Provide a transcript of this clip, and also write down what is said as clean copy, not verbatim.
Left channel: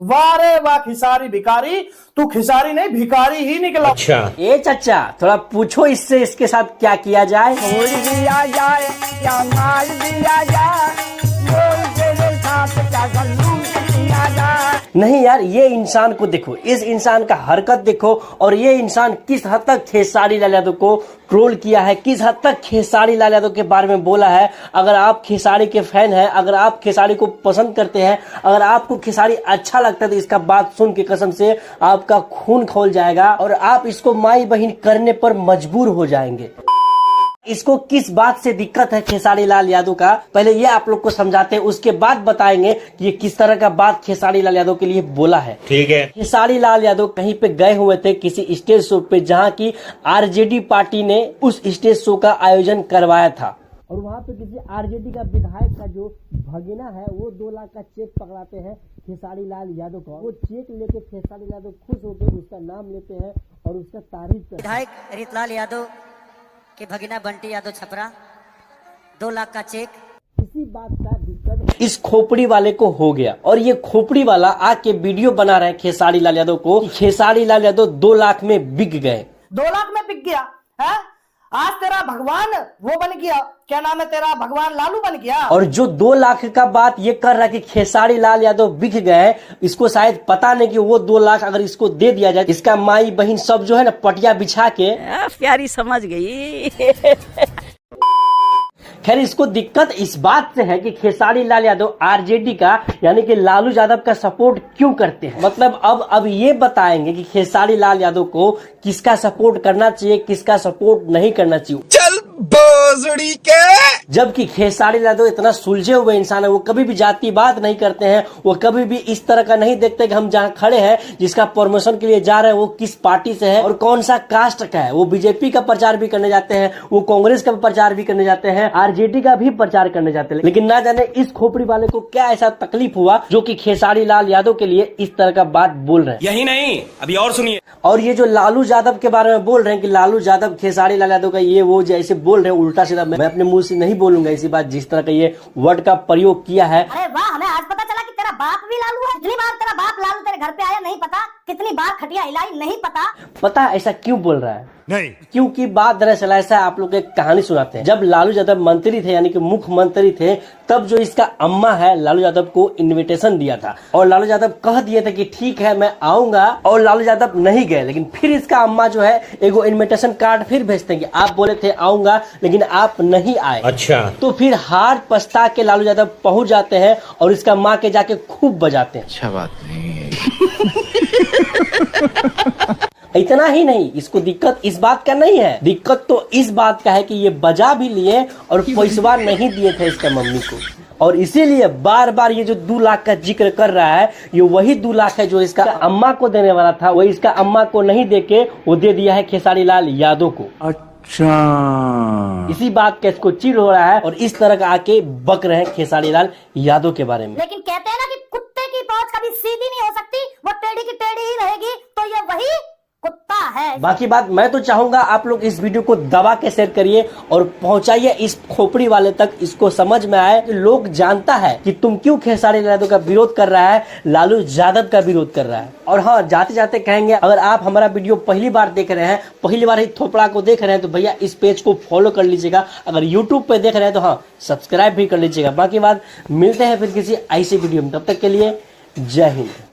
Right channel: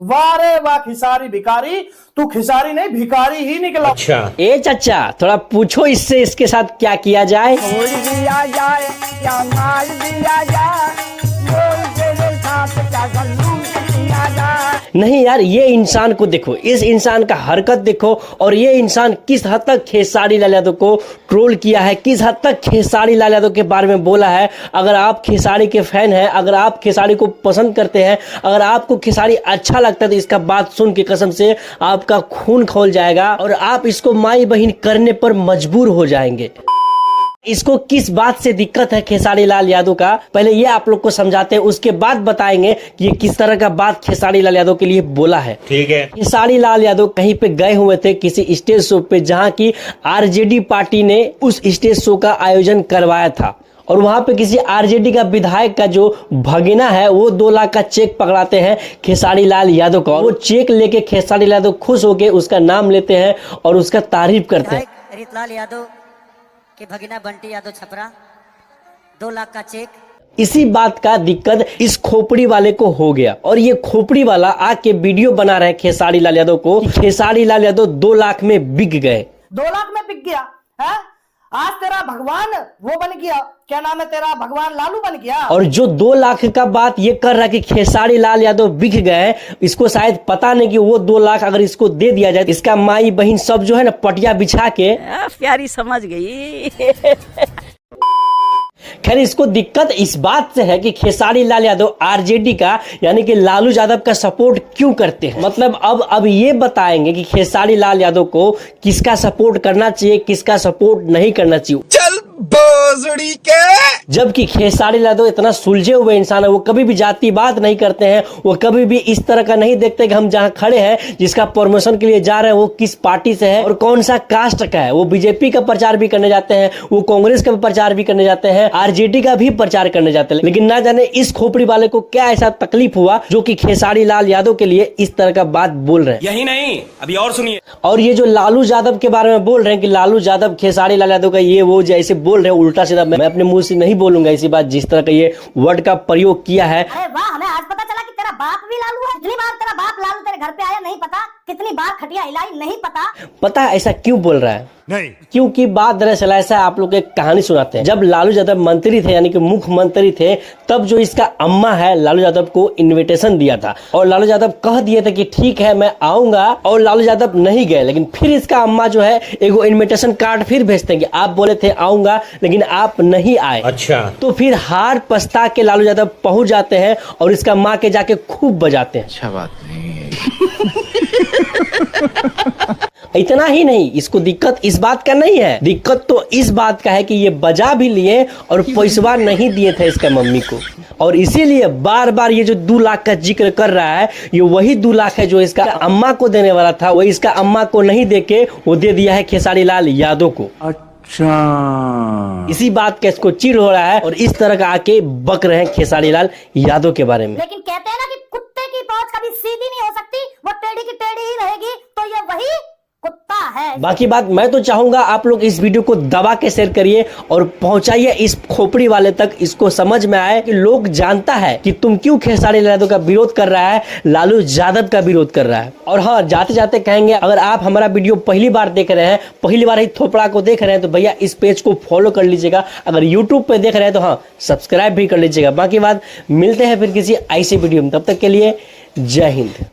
वाह रे वाह खिसारी भिखारी, तू खिसारी नहीं भिखारी ही निकला। अच्छा ए चाचा थोड़ा पूछो इससे इसके साथ क्या किया जाए। छोड़ दिया जाए या मार दिया जाए, बोल तेरे साथ क्या सलूक किया जाए। नहीं यार, ये इंसान को देखो, इस इंसान का हरकत देखो, और ये इंसान किस हद तक खेसारी लाल यादव को ट्रोल किया है, किस हद तक खेसारी लाल यादव के बारे में बोला है। अगर आप खेसारी के फैन हैं, अगर आप खेसारी को पसंद करते हैं, अगर आपको खेसारी अच्छा लगता है, तो इसका बात सुन के कसम से आपका खून खौल जाएगा और आप इसको माई बहन करने पर मजबूर हो जाएंगे। इसको किस बात से दिक्कत है खेसारी लाल यादव का, पहले ये आप लोग को समझाते हैं, उसके बाद बताएंगे कि ये किस तरह का बात खेसारी लाल यादव के लिए बोला है। ठीक है। खेसारी लाल यादव कहीं पे गए हुए थे किसी स्टेज शो पे, जहां की आरजेडी पार्टी ने उस स्टेज शो का आयोजन करवाया था, और वहां पे किसी आरजेडी का विधायक का जो भगीना है वो 2 लाख का चेक पकड़ाते हैं खेसारी लाल यादव का। वो चेक लेके खेसारी लाल यादव खुश होके उसका नाम लेते हैं और उसका तारीफ करते हैं। विधायक रीतलाल यादव के भगीना बंटी यादव छपरा 2 लाख का चेक। इसी बात का दिक्कत इस खोपड़ी वाले को हो गया, और ये खोपड़ी वाला आके वीडियो बना रहे खेसारी लाल यादव को, खेसारी लाल यादव 2 लाख में बिक गए। 2 लाख में बिक गया है? आज तेरा भगवान वो बन गया, क्या नाम है तेरा, भगवान लालू बन गया। और जो 2 लाख का बात ये कर रहा है कि खेसारी लाल यादव बिक गए, इसको शायद पता नहीं कि वो 2 लाख अगर इसको दे दिया जाए, इसका माई बहन सब जो है ना पटिया बिछा के प्यारी समझ गई। खैर, इसको दिक्कत इस बात से है कि खेसारी लाल यादव आरजेडी का यानी कि लालू यादव का सपोर्ट क्यों करते हैं। मतलब अब ये बताएंगे कि खेसारी लाल यादव को किसका सपोर्ट करना चाहिए, किसका सपोर्ट नहीं करना चाहिए। चल बोजड़ी के। जबकि खेसारी लाल यादव इतना सुलझे हुए इंसान है, वो कभी भी जाति बात नहीं करते हैं, वो कभी भी इस तरह का नहीं देखते कि हम जहां खड़े हैं, जिसका प्रमोशन के लिए जा रहे हैं वो किस पार्टी से है और कौन सा कास्ट का है। वो बीजेपी का प्रचार भी करने जाते हैं, वो कांग्रेस का प्रचार भी करने जाते हैं, आरजेडी का भी प्रचार करने जाते हैं। लेकिन ना जाने इस खोपड़ी वाले को क्या ऐसा तकलीफ हुआ जो कि खेसारी लाल यादव के लिए इस तरह का बात बोल रहे हैं। यही नहीं, अभी और सुनिए। और ये जो लालू यादव के बारे में बोल रहे हैं कि लालू यादव खेसारी लाल यादव का ये वो जैसे बोल रहे हैं उल्टा सीधा, मैं अपने मुंह से नहीं बोलूंगा ऐसी बात, जिस तरह का ये वर्ड का प्रयोग किया है। अरे वाह, हमें आज पता चला कि तेरा बाप भी लालू है। कितनी बार तेरा बाप लालू तेरे घर पे आया नहीं पता, कितनी बार खटिया हिलाई नहीं पता। पता है ऐसा क्यों बोल रहा है? नहीं। क्योंकि बात दरअसल ऐसा है, आप लोग एक कहानी सुनाते हैं। जब लालू यादव मंत्री थे यानी कि मुख्यमंत्री थे, तब जो इसका अम्मा है लालू यादव को इनविटेशन दिया था, और लालू यादव कह दिए थे कि ठीक है मैं आऊंगा, और लालू यादव नहीं गए। लेकिन फिर इसका अम्मा जो है एगो इनविटेशन कार्ड फिर भेजते हैं कि आप बोले थे आऊंगा लेकिन आप नहीं आए। अच्छा। तो फिर हार पछता के लालू यादव पहुंच जाते हैं और इसका माँ के जाके खूब बजाते हैं। अच्छा बात नहीं है। इतना ही नहीं, इसको दिक्कत इस बात का नहीं है, दिक्कत तो इस बात का है कि ये बजा भी लिए और पैसा नहीं दिए थे इसका मम्मी को, और इसीलिए बार बार ये जो 2 लाख का जिक्र कर रहा है, ये वही 2 लाख है जो इसका अम्मा को देने वाला था, वही इसका अम्मा को नहीं देके वो दे दिया है खेसारी लाल यादव को। अच्छा, इसी बात का इसको चिढ़ हो रहा है और इस तरह का आके बक रहे हैं खेसारी लाल यादव के बारे में। लेकिन कहते हैं ना कि कुत्ते की पहुंच कभी सीधी नहीं हो सकती, वो टेढ़ी की टेढ़ी ही रहेगी, तो ये वही कुत्ता है। बाकी बात मैं तो चाहूंगा आप लोग इस वीडियो को दबा के शेयर करिए और पहुंचाइए इस खोपड़ी वाले तक, इसको समझ में आए कि लोग जानता है कि तुम क्यों खेसारी लाल यादव का विरोध कर रहा है, लालू यादव का विरोध कर रहा है। और हाँ, जाते जाते कहेंगे, अगर आप हमारा वीडियो पहली बार देख रहे हैं, पहली बार ही थोपड़ा को देख रहे हैं, तो भैया इस पेज को फॉलो कर लीजिएगा। अगर यूट्यूब पे देख रहे हैं तो हाँ सब्सक्राइब भी कर लीजिएगा। बाकी बात मिलते हैं फिर किसी ऐसी वीडियो में, तब तक के लिए जय हिंद।